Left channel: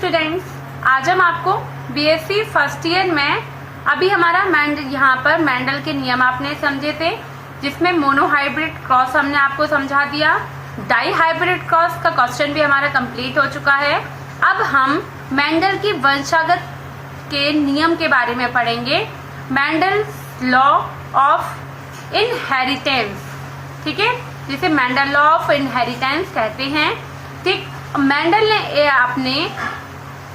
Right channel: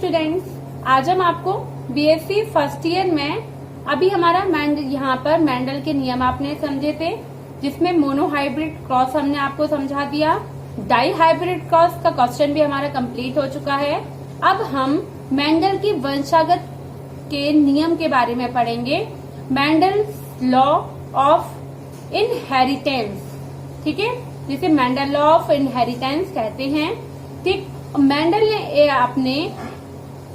Students, आज हम आपको बीएससी फर्स्ट ईयर में अभी हमारा यहाँ पर मेंडल के नियम आपने समझे थे, जिसमें मोनोहाइब्रिड क्रॉस हमने आपको समझा दिया। डाई हाइब्रिड क्रॉस का क्वेश्चन भी हमारा कंप्लीट हो चुका है। अब हम मेंडल की वंशागत के नियम के बारे में पढ़ेंगे, मेंडल्स लॉ ऑफ इनहेरिटेंस। ठीक है, जिसे मेंडल लॉ ऑफ इनहेरिटेंस कहते हैं। ठीक, मेंडल ने अपने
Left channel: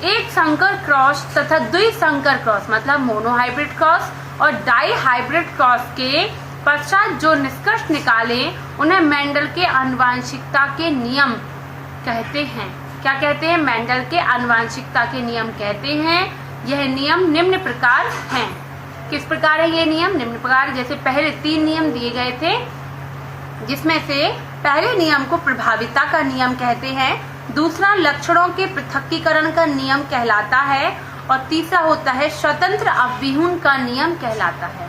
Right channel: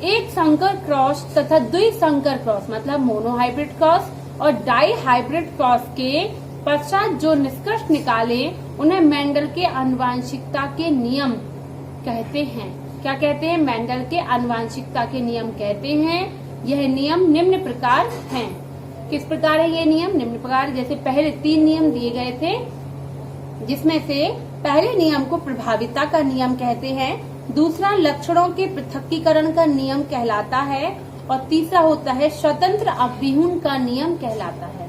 एक संकर क्रॉस तथा द्विसंकर क्रॉस मतलब मोनोहाइब्रिड क्रॉस और डाई हाइब्रिड क्रॉस के पश्चात जो निष्कर्ष निकाले उन्हें मेंडल के आनुवंशिकता के नियम कहते हैं। क्या कहते हैं? मेंडल के आनुवंशिकता के नियम कहते हैं। यह नियम निम्न प्रकार हैं। किस प्रकार है ये नियम? निम्न प्रकार। जैसे पहले 3 नियम दिए गए थे, जिसमें से पहले नियम को प्रभाविता का नियम कहते हैं, दूसरा लक्षणों के पृथक्कीकरण का नियम कहलाता है और तीसरा होता है स्वतंत्र अव्यूहन का नियम कहलाता है।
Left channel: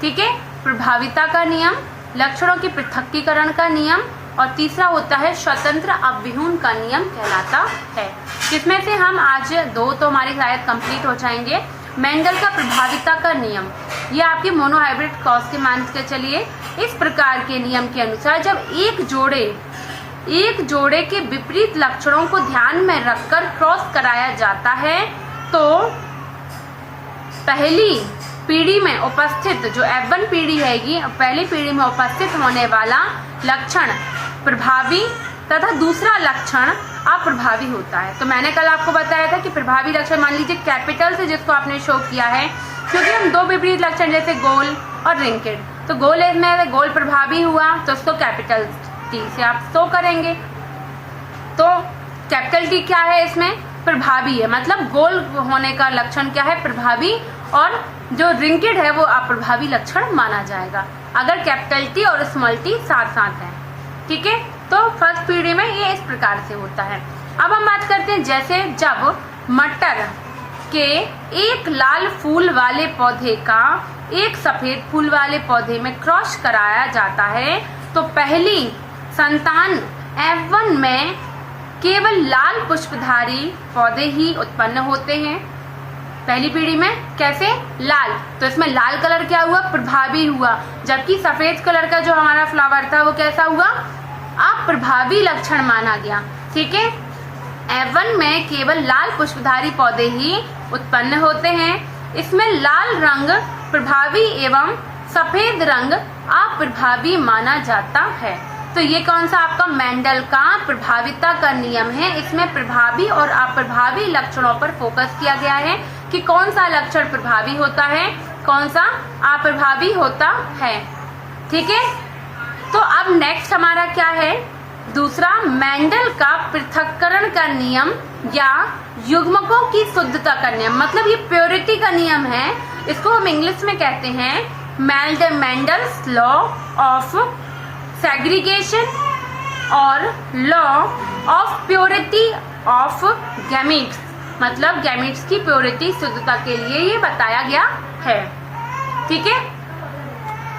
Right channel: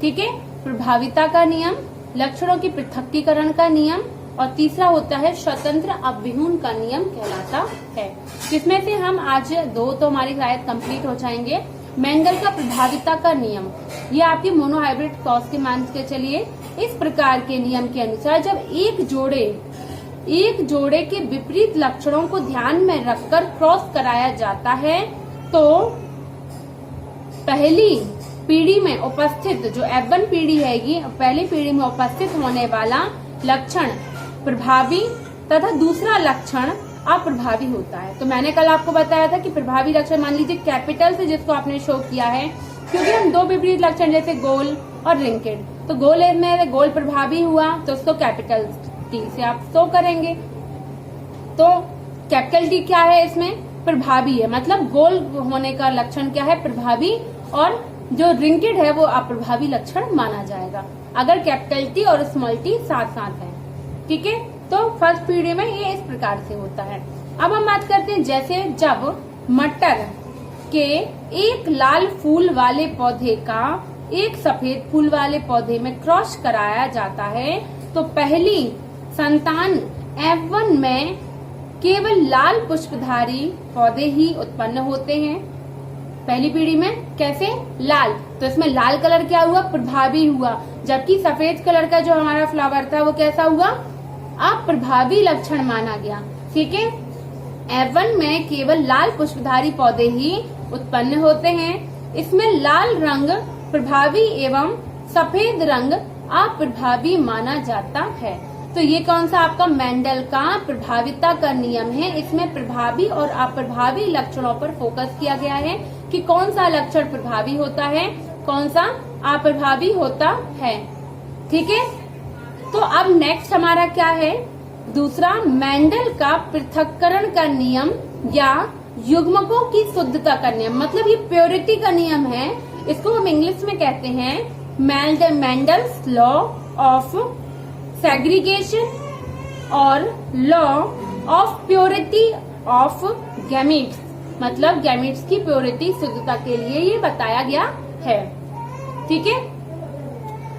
ठीक है, प्रभाविता का नियम, लक्षणों के पृथक्कीकरण का नियम और तीसरा होता है स्वतंत्र अव्यूहन का नियम कहलाता है। जिसमें से हम आज 2 तो हमारे शायद कंप्लीट हो जाएंगे। मेंडल का प्रभाविता का नियम, ये आपके मोनोहाइब्रिड क्रॉस के मान के चलिए। इस प्रकार के नियम के अनुसार जब एक जोड़े के विपरीत लक्षणों को ध्यान में रखकर क्रॉस कराया जाता है तो पहली पीढ़ी में उपस्थित जो F1 पीढ़ी हैगी, पहली पीढ़ी में उपस्थित होने वाला लक्षण प्रभावी तथा दूसरा लक्षण अप्रभावी होता है। तो मैंने कल आपको बताया था कि प्रभावी लक्षण मान लीजिए कैपिटल से जिसको आपने शो किया है, क्योंकि हम 2 विपरीत लक्षण जैसे गोल और रिंकेड, तो गोल में गोल प्रभावी हुआ तो उसको कैपिटल T से आप शो करेंगे। तो कैपिटल T क्या है? इसमें प्रभावी है, मतलब गोल होने का लक्षण क्या है? प्रभावी, और जो रिंकेड है वो अप्रभावी लक्षण माना जाएगा अगर कैपिटल T और स्मॉल t साथ साथ है। ठीक है, तो फर्स्ट पीढ़ी में ये इस प्रकार से होता है। अब हम बात करते हैं जैसे जब मटर के एक लाल फूल वाले पौधे का एक सफेद फूल वाले पौधे में क्रॉस कराया जाता है तो पहली संतान F1 में केवल लाल पुष्पधारी पौधे ही उत्पन्न होते हैं। पहली पीढ़ी में कैसे? लाल, तो इसमें लाल कलर क्या हुआ? प्रभावी हुआ, जबकि सफेद कलर का जो हमारा फ्लावर था वो कैसा हुआ? अप्रभावी लक्षण माना गया। ठीक है, F1 में केवल लाल पुष्पधारी पौधे ही उत्पन्न होते हैं। इसमें लाल रंग प्रभावी एवं सफेद रंग अप्रभावी माना जाता है। तो ये कौन सा आपका मेंडल का प्रभाविता का नियम है। इसमें प्रभावी और अप्रभावी लक्षणों पर फोकस किया गया है कि कौन सा लक्षण प्रभावी होता है, कौन सा अप्रभावी होता है। ठीक है, तो अब नेक्स्ट हमारा क्या है? दूसरा, मेंडल का पृथक्करण का नियम या युग्मकों की शुद्धता का नियम, मतलब ये प्योरिटी का नियम है। इसको हम इंग्लिश में कहते हैं मेंडल्स लॉ ऑफ सेग्रीगेशन और law of purity of gametes, मतलब गैमीट्स की प्योरिटी शुद्धता के लिए ये बताया गया है। ठीक है,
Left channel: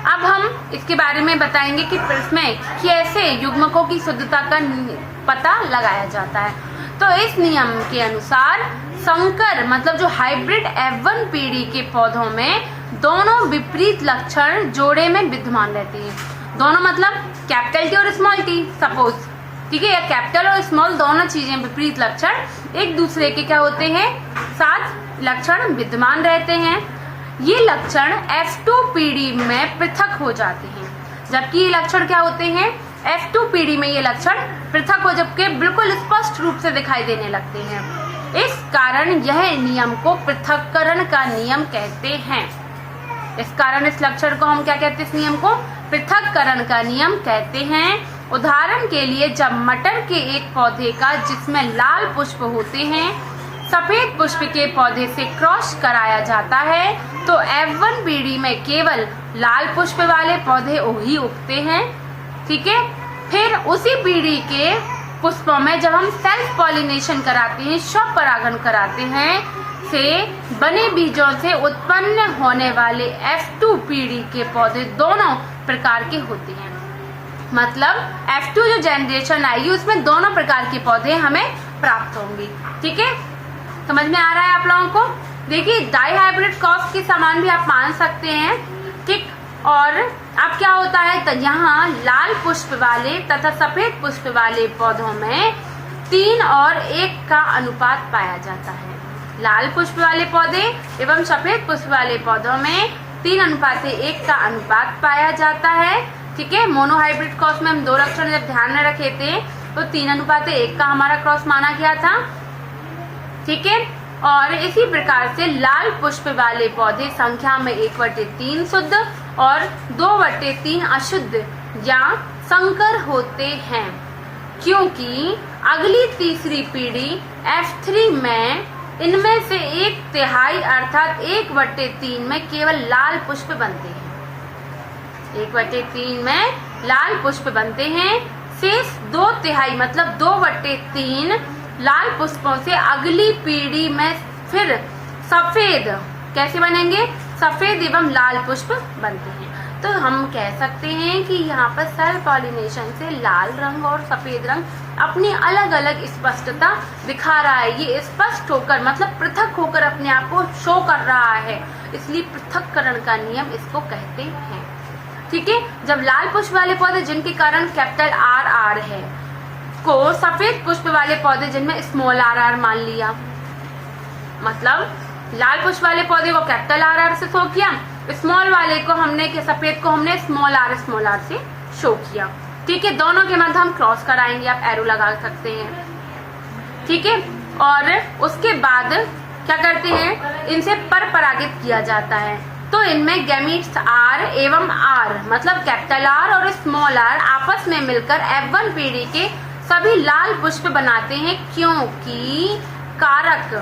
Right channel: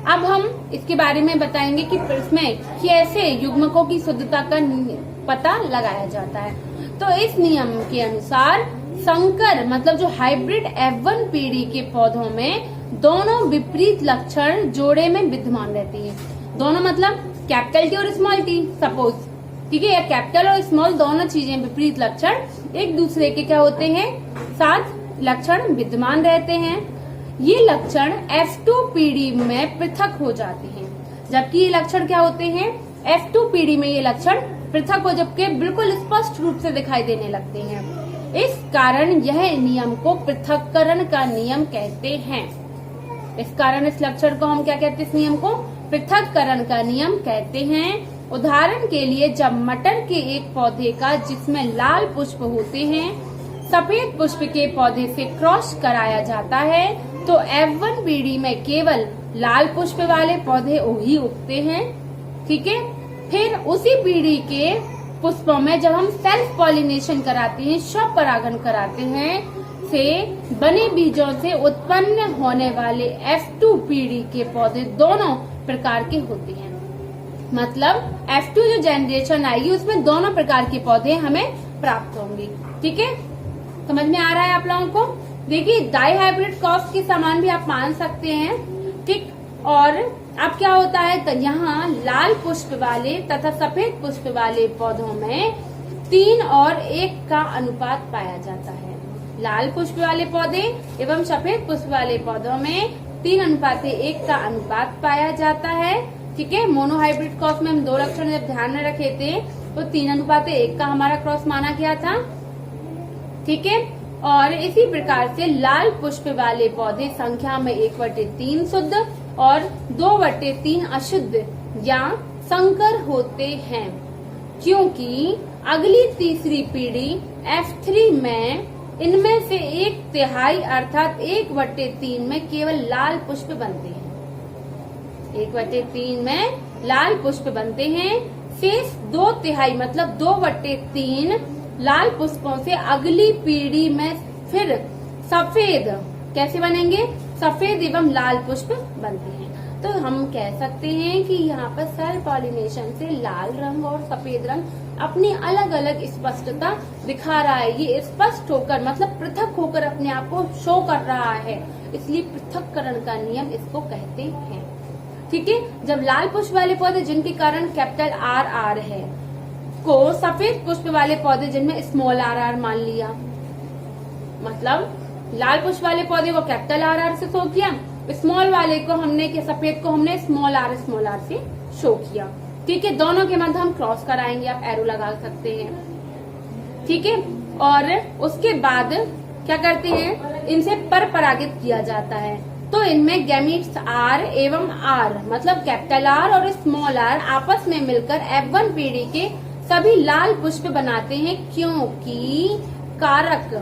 अब हम इसके बारे में बताएंगे कि इसमें कैसे युग्मकों की शुद्धता का पता लगाया जाता है। तो इस नियम के अनुसार संकर मतलब जो हाइब्रिड F1 पीढ़ी के पौधों में दोनों विपरीत लक्षण जोड़े में विद्यमान रहते हैं। दोनों मतलब कैपिटल T और स्मॉल t सपोज, ठीक है, या कैपिटल और स्मॉल दोनों चीजें विपरीत लक्षण एक दूसरे के क्या होते हैं? साथ लक्षण विद्यमान रहते हैं। ये लक्षण F2 पीढ़ी में पृथक हो जाते हैं, जबकि ये लक्षण क्या होते हैं? F2 पीढ़ी में ये लक्षण पृथक हो जबकि बिल्कुल स्पष्ट रूप से दिखाई देने लगते हैं। इस कारण यह नियम को पृथक्करण का नियम कहते हैं। इस कारण इस लक्षण को हम क्या कहते हैं? इस नियम को पृथक्करण का नियम कहते हैं। उदाहरण के लिए जब मटर के एक पौधे का जिसमें लाल पुष्प होते हैं सफेद पुष्प के पौधे से क्रॉस कराया जाता है तो F1 पीढ़ी में केवल लाल पुष्प वाले पौधे ही उगते हैं। ठीक है, फिर उसी पीढ़ी के पुष्पों में जब हम सेल्फ पॉलिनेशन कराते हैं, स्वपरागण कराते हैं, से बने बीजों से उत्पन्न होने वाले F2 पीढ़ी के पौधे दोनों प्रकार के होते हैं। मतलब F2 जो जनरेशन आएगी उसमें दोनों प्रकार के पौधे हमें प्राप्त होंगे। ठीक है, समझ में आ रहा है आप लोगों को? देखिए डाई हाइब्रिड क्रॉस के समान भी आप मान सकते हैं, ठीक। और अब क्या होता है, तो यहाँ लाल पुष्प वाले तथा सफेद पुष्प वाले पौधों में 3 और 1 का अनुपात पाया जाता है। लाल पुष्प वाले पौधे एवं सफेद पुष्प वाले पौधों में 3:1 का अनुपात पाया जाता है, ठीक है। मोनोहाइब्रिड क्रॉस में हम 2 लक्षण जब ध्यान में रखे थे तो 3:1 का हमारा क्रॉस माना गया था, ठीक है। और इसी प्रकार से लाल पुष्प वाले पौधे संख्या में 1/3 शुद्ध और 2/3 अशुद्ध या संकर होते हैं, क्योंकि अगली तीसरी पीढ़ी F3 में इनमें से 1/3 अर्थात 1/3 में केवल लाल पुष्प बनते हैं। 1/3 में लाल पुष्प बनते हैं, शेष 2/3 मतलब 2/3 लाल पुष्पों से अगली पीढ़ी में फिर सफेद कैसे बनेंगे, सफेद एवं लाल पुष्प बनते हैं। तो हम कह सकते हैं कि यहाँ पर सेल्फ पॉलिनेशन से लाल रंग और सफेद रंग अपनी अलग अलग स्पष्टता दिखा रहा है। ये स्पष्ट होकर मतलब पृथक होकर अपने आप को शो कर रहा है, इसलिए पृथक्करण का नियम इसको कहते हैं, ठीक है। जब लाल पुष्प वाले पौधे जिनके कारण कैपिटल RR है को सफेद पुष्प वाले पौधे जिनमें स्मॉल RR मान लिया, मतलब लाल पुष्प वाले पौधे को कैपिटल RR से शो किया, स्मॉल वाले को हमने सफेद को हमने स्मॉल r से शो किया, ठीक है। दोनों के मध्य हम क्रॉस कराएंगे, आप एरो लगा सकते हैं, ठीक है। और उसके बाद क्या करते हैं, इनसे पर परागित किया जाता है। तो इनमें गैमीट्स R एवं R मतलब कैपिटल R और स्मॉल r आपस में मिलकर F1 पीढ़ी के सभी लाल पुष्प बनाते हैं, क्योंकि कारक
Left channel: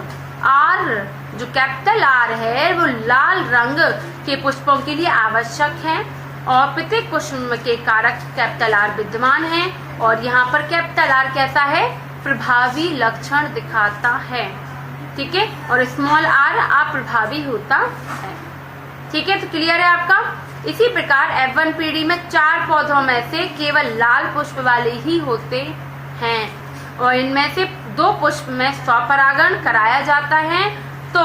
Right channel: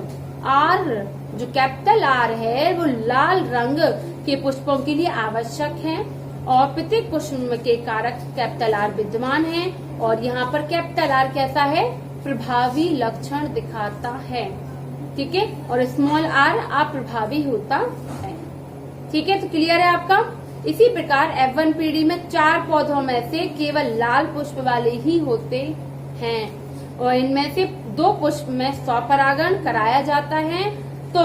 R जो कैपिटल R है वो लाल रंग के पुष्पों के लिए आवश्यक है और प्रत्येक पुष्प के कारक कैपिटल R विद्यमान है। और यहाँ पर कैपिटल R कैसा है, प्रभावी लक्षण दिखाता है, ठीक है। और स्मॉल r अप्रभावी होता है, ठीक है। तो क्लियर है आपका? इसी प्रकार F1 पीढ़ी में 4 पौधों में से केवल लाल पुष्प वाले ही होते हैं और इनमें से 2 पुष्प में स्वपरागण कराया जाता है। तो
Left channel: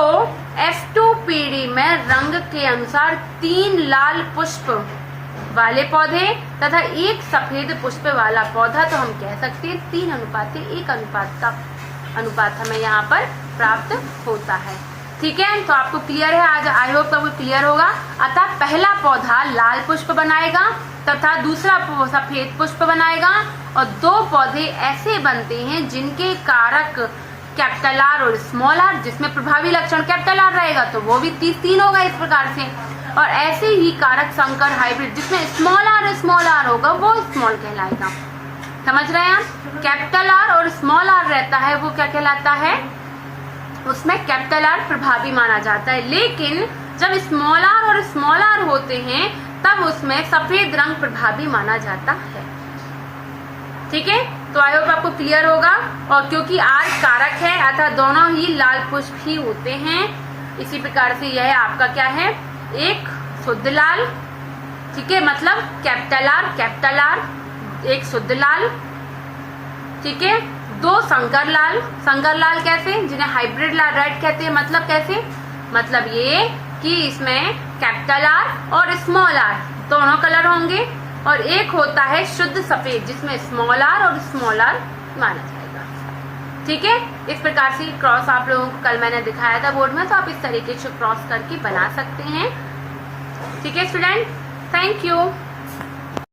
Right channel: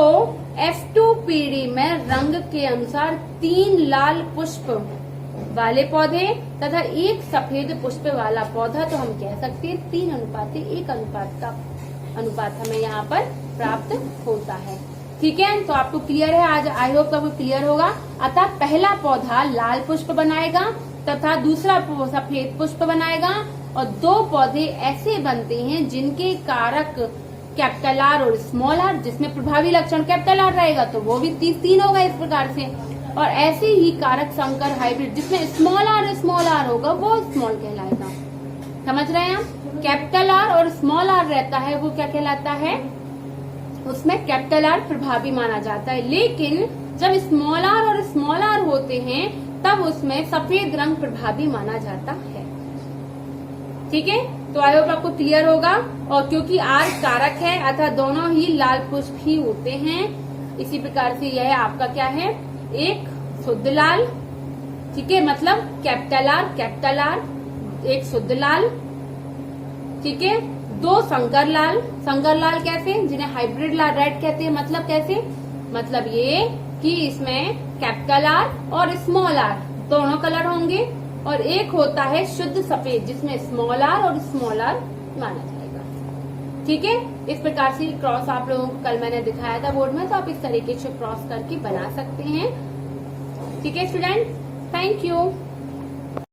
F2 पीढ़ी में रंग के अनुसार 3 लाल पुष्प वाले पौधे तथा 1 सफेद पुष्प वाला पौधा, तो हम कह सकते हैं 3:1 अनुपात का अनुपात हमें यहाँ पर प्राप्त होता है, ठीक है। तो आपको क्लियर है, आज आई होप आपको क्लियर होगा। अतः पहला पौधा लाल पुष्प बनाएगा तथा दूसरा सफेद पुष्प बनाएगा और 2 पौधे ऐसे बनते हैं जिनके कारक कैपिटल R और स्मॉल r, जिसमें प्रभावी लक्षण कैपिटल R रहेगा तो वो भी 3 होगा इस प्रकार से। और ऐसे ही कारक संकर हाइब्रिड जिसमें स्मॉल r होगा वो स्मॉल कहलाएगा। समझ रहे हैं आप? कैपिटल R और स्मॉल r रहता है वो क्या कहलाता है, उसमें कैपिटल R प्रभावी माना जाता है। लेकिन जब स्मॉल r और स्मॉल r होते हैं तब उसमें सफेद रंग प्रभावी माना जाता है, ठीक है। तो आई होप आपको क्लियर होगा। और क्योंकि R कारक है अतः दोनों ही लाल पुष्प ही होते हैं। इसी प्रकार से यह आपका क्या है, एक शुद्ध लाल, ठीक है, मतलब कैपिटल R, एक शुद्ध लाल, ठीक है। 2 संकर लाल कैसे, जिन्हें हाइब्रिड लाल रेड कहते हैं, मतलब कैसे, मतलब ये कि इसमें कैपिटल R और स्मॉल r दोनों कलर होंगे। और एक होता है शुद्ध सफेद जिसमें स्मॉल r और स्मॉल r माना जाएगा, ठीक है। इस प्रकार से क्रॉस आप लोगों को कल मैंने दिखाया था बोर्ड में, तो आप इस तरीके से क्रॉस करके बना सकते हैं, ठीक है स्टूडेंट। Thank you.